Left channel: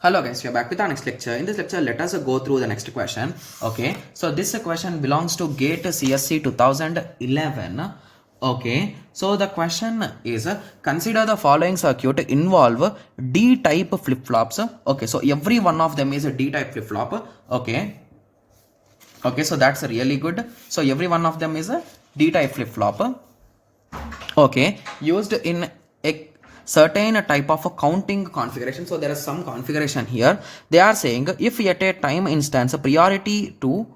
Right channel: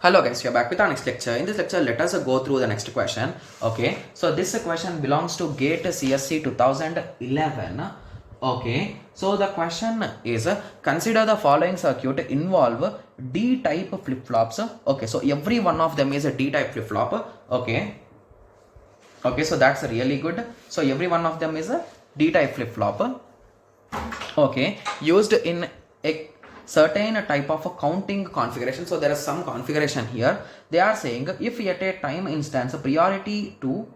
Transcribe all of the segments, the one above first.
Hello guys, we are back with our next lecture. In this lecture, let us go through the next question. Okay, so this question belongs to GATE CSC 2011. Okay, so the question is consider the following circuit involve D-type flip-flops. Okay, so every one of them is a D-type flip-flop. Okay, so that's really good. So every one of them is a D-type flip-flop. Okay, used in a certain type of a counting configuration. So there is some configuration here. They are saying if at a time instance priority to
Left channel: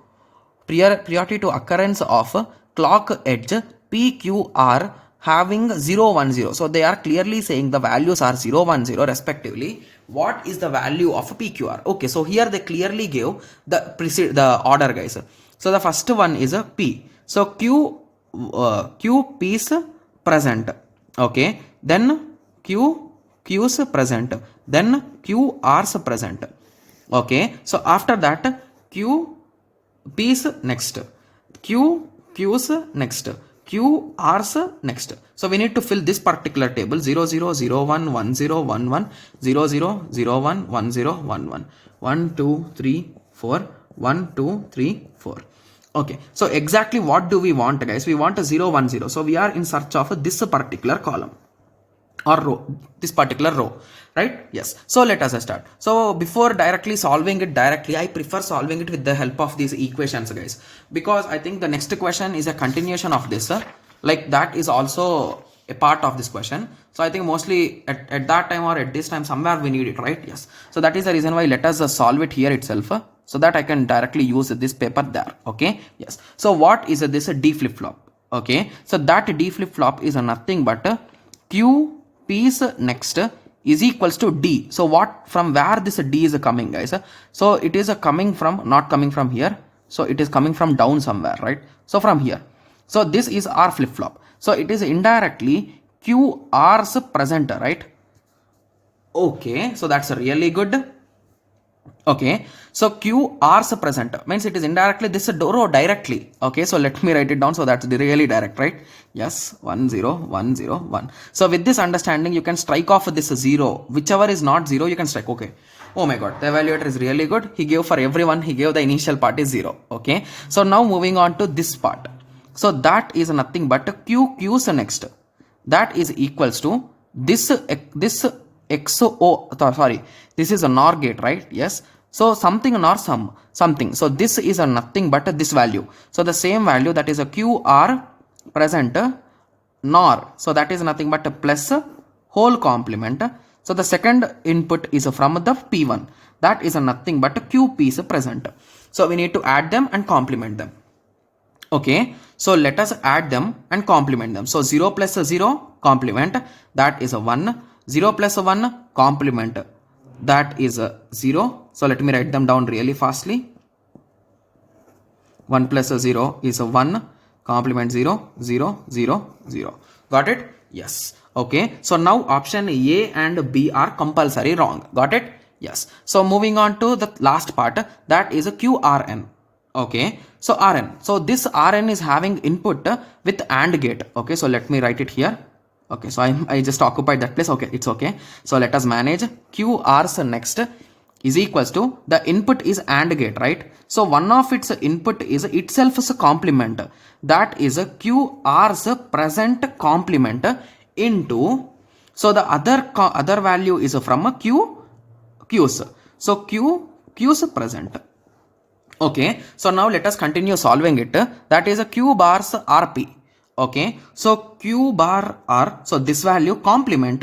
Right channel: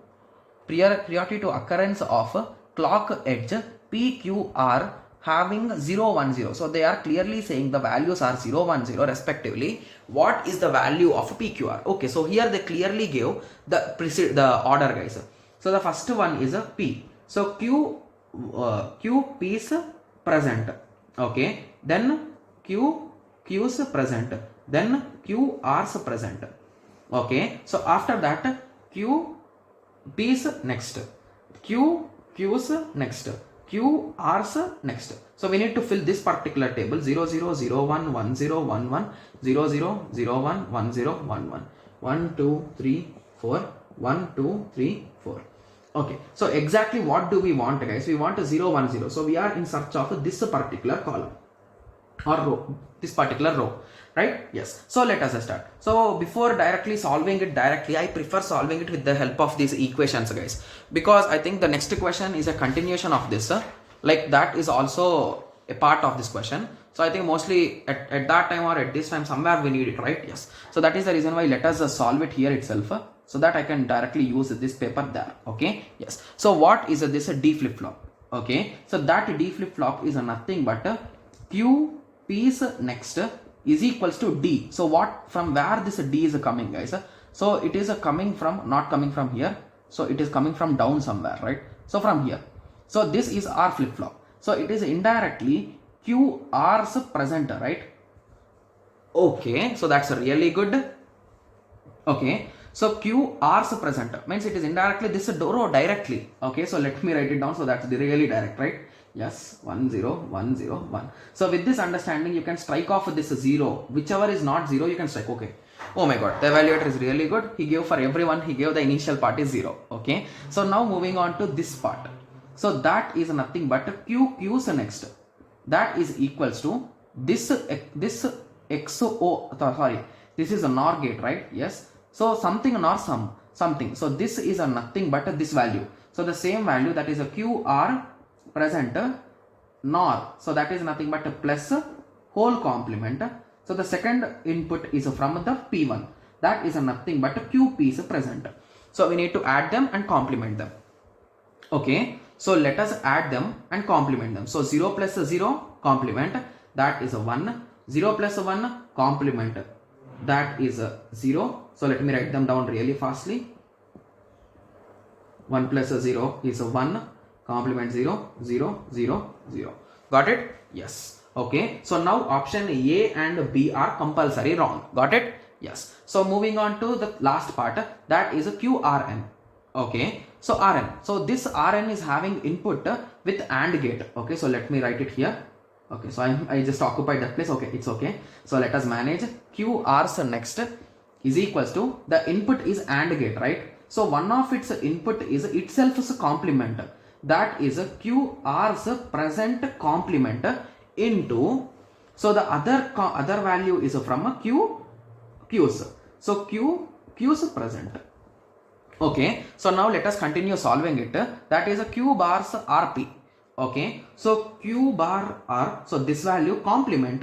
occurrence of clock edge PQR having 0 1 0. So they are clearly saying the values are 0 1 0 respectively. What is the value of PQR? Okay, so here they clearly give the order, guys. So the first one is a P. So Q P's present. Okay, then Q's present, then QR's present. Okay, so after that P's next, Q's next, QR's next. So we need to fill this particular table 0 0 0 1 1 0 1 1 0 0 0 1 1 0 1 1 1 2 3 4 1 2 3 4. Okay, so exactly what do we want, guys? We want a 0 1 0. So we are in search of this particular column or row, this particular row, right? Yes, so let us start. So before directly solving it directly, I prefer solving it with the help of these equations, guys, because I think the next question is a continuation of this, like that is also a part of this question. So I think mostly at that time or at this time somewhere we need it, right? Yes, so that is the reason why let us solve it here itself, so that I can directly use this paper there. Okay, yes, so what is this a D flip-flop? Okay, so that D flip-flop is nothing but Q P's next is equals to D. So what, from where this D is coming, guys? So it is coming from, not coming from here, so it is coming from down somewhere, right? So from here, so this is our flip-flop, so it is indirectly QR's present, right? Okay, so that's really good. Okay, so QR's present means it is indirectly this row directly. Okay, so let me write it down, so that's really direct, right? Yes, 1 0 1 0 1. So with this understanding, you can strike off this 0, whichever is not 0 you can strike. Okay, oh my god, the evaluator is really good. He gave for everyone, he gave the initial part is 0. Okay, so now moving on to this part, so that is nothing but Q's next, that is equals to this this is a NOR gate, right? Yes, so something NOR something, so this is a nothing but this value, so the same value, that is a QR present NOR, so that is nothing but a plus whole complement. So the second input is from the P1, that is a nothing but QP is present, so we need to add them and complement them. Okay, so let us add them and complement them. So 0 plus 0 complement, that is a 1, 0 plus 1 complement, that is a 0. So let me write them down really fastly. 1 plus 0 is a 1, complement 0 0 0 0. Got it? Yes. Okay, so now option A and B are compulsory wrong. Got it? Yes. So moving on to the last part, that is a QRN. Okay, so Rn, so this Rn is having input with AND gate. Okay, so let me write it here. Okay, so I just occupied that place. Okay, it's okay. So let us manage. QR's next is equals to, the input is AND gate, right? So one of its input is itself as a complement, that is a QR's present complement into, so the other value is from a Q's, so Q's present. Okay, so now let us continue solving it. That is a Q bar's RP. Okay, so Q bar R, so this value complement.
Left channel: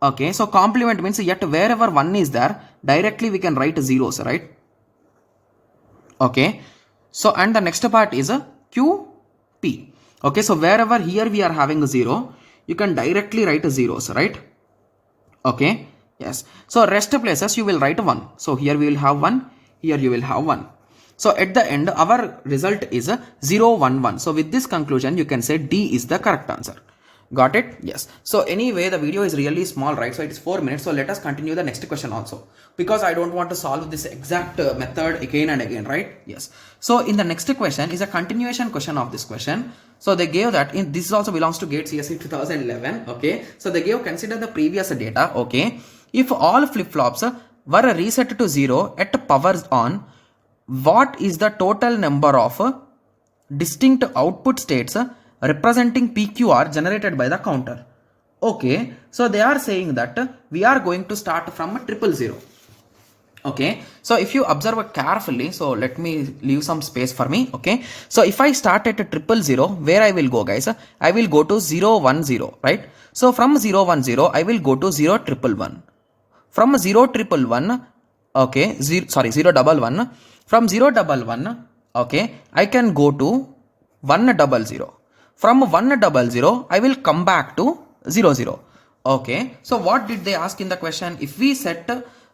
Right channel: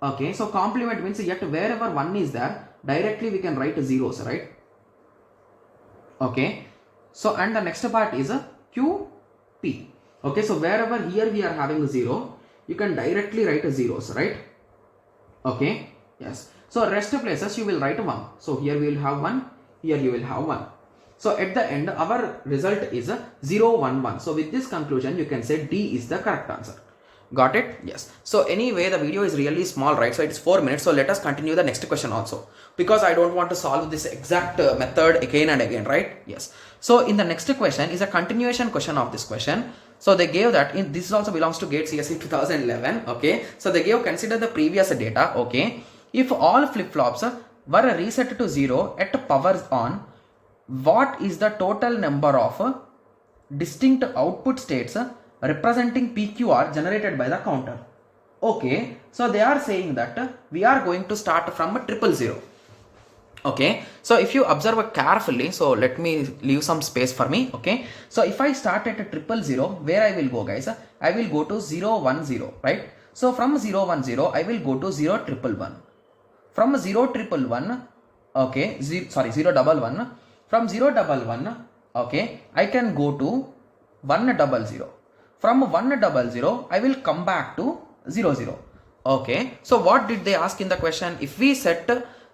Okay, so complement means yet wherever 1 is there, directly we can write zeros, right? Okay, so and the next part is a QP. Okay, so wherever here we are having a 0, you can directly write zeros, right? Okay, yes, so rest places you will write 1. So here we will have 1, here you will have 1. So at the end, our result is a 0 1 1. So with this conclusion, you can say D is the correct answer. Got it? Yes. So anyway, the video is really small, right? So it's 4 minutes. So let us continue the next question also, because I don't want to solve this exact method again and again, right? Yes. So in the next question is a continuation question of this question. So they gave that in this also belongs to GATE CSC 2011. Okay. So they gave, consider the previous data. Okay. If all flip-flops were reset to 0 at power on, what is the total number of distinct output states representing PQR generated by the counter? Okay, so they are saying that we are going to start from 000. Okay, so if you observe carefully, so let me leave some space for me. Okay, so if I start at 000, where I will go, guys? I will go to 010, right? So from 010 I will go to 0111. From 0111, okay, 011. From 011, okay, I can go to 100. From 100 I will come back to 00. Okay, so what did they ask in the question? If we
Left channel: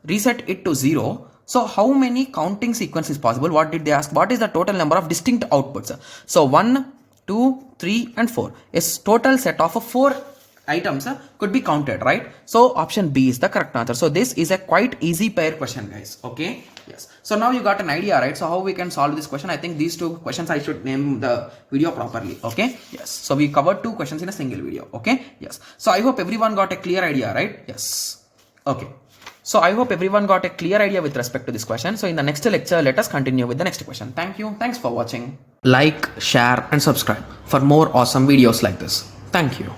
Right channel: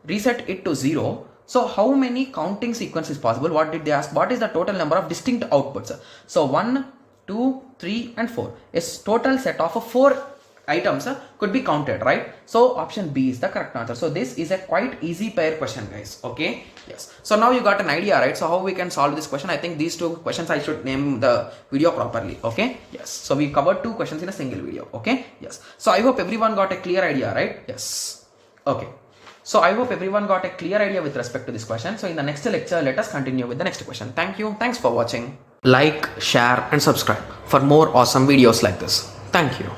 reset it to 0, so how many counting sequence is possible? What did they ask? What is the total number of distinct outputs? So 1, 2, 3 and 4 is total set of 4 items could be counted, right? So option B is the correct answer. So this is a quite easy pair question, guys. Okay, yes, so now you got an idea, right? So how we can solve this question? I think these two questions I should name the video properly. Okay, yes, so we covered 2 questions in a single video. Okay, yes, so I hope everyone got a clear idea, right? Yes, okay, so I hope everyone got a clear idea with respect to this question. So in the next lecture, let us continue with the next question. Thank you, thanks for watching. Like, share and subscribe for more awesome videos like this. Thank you.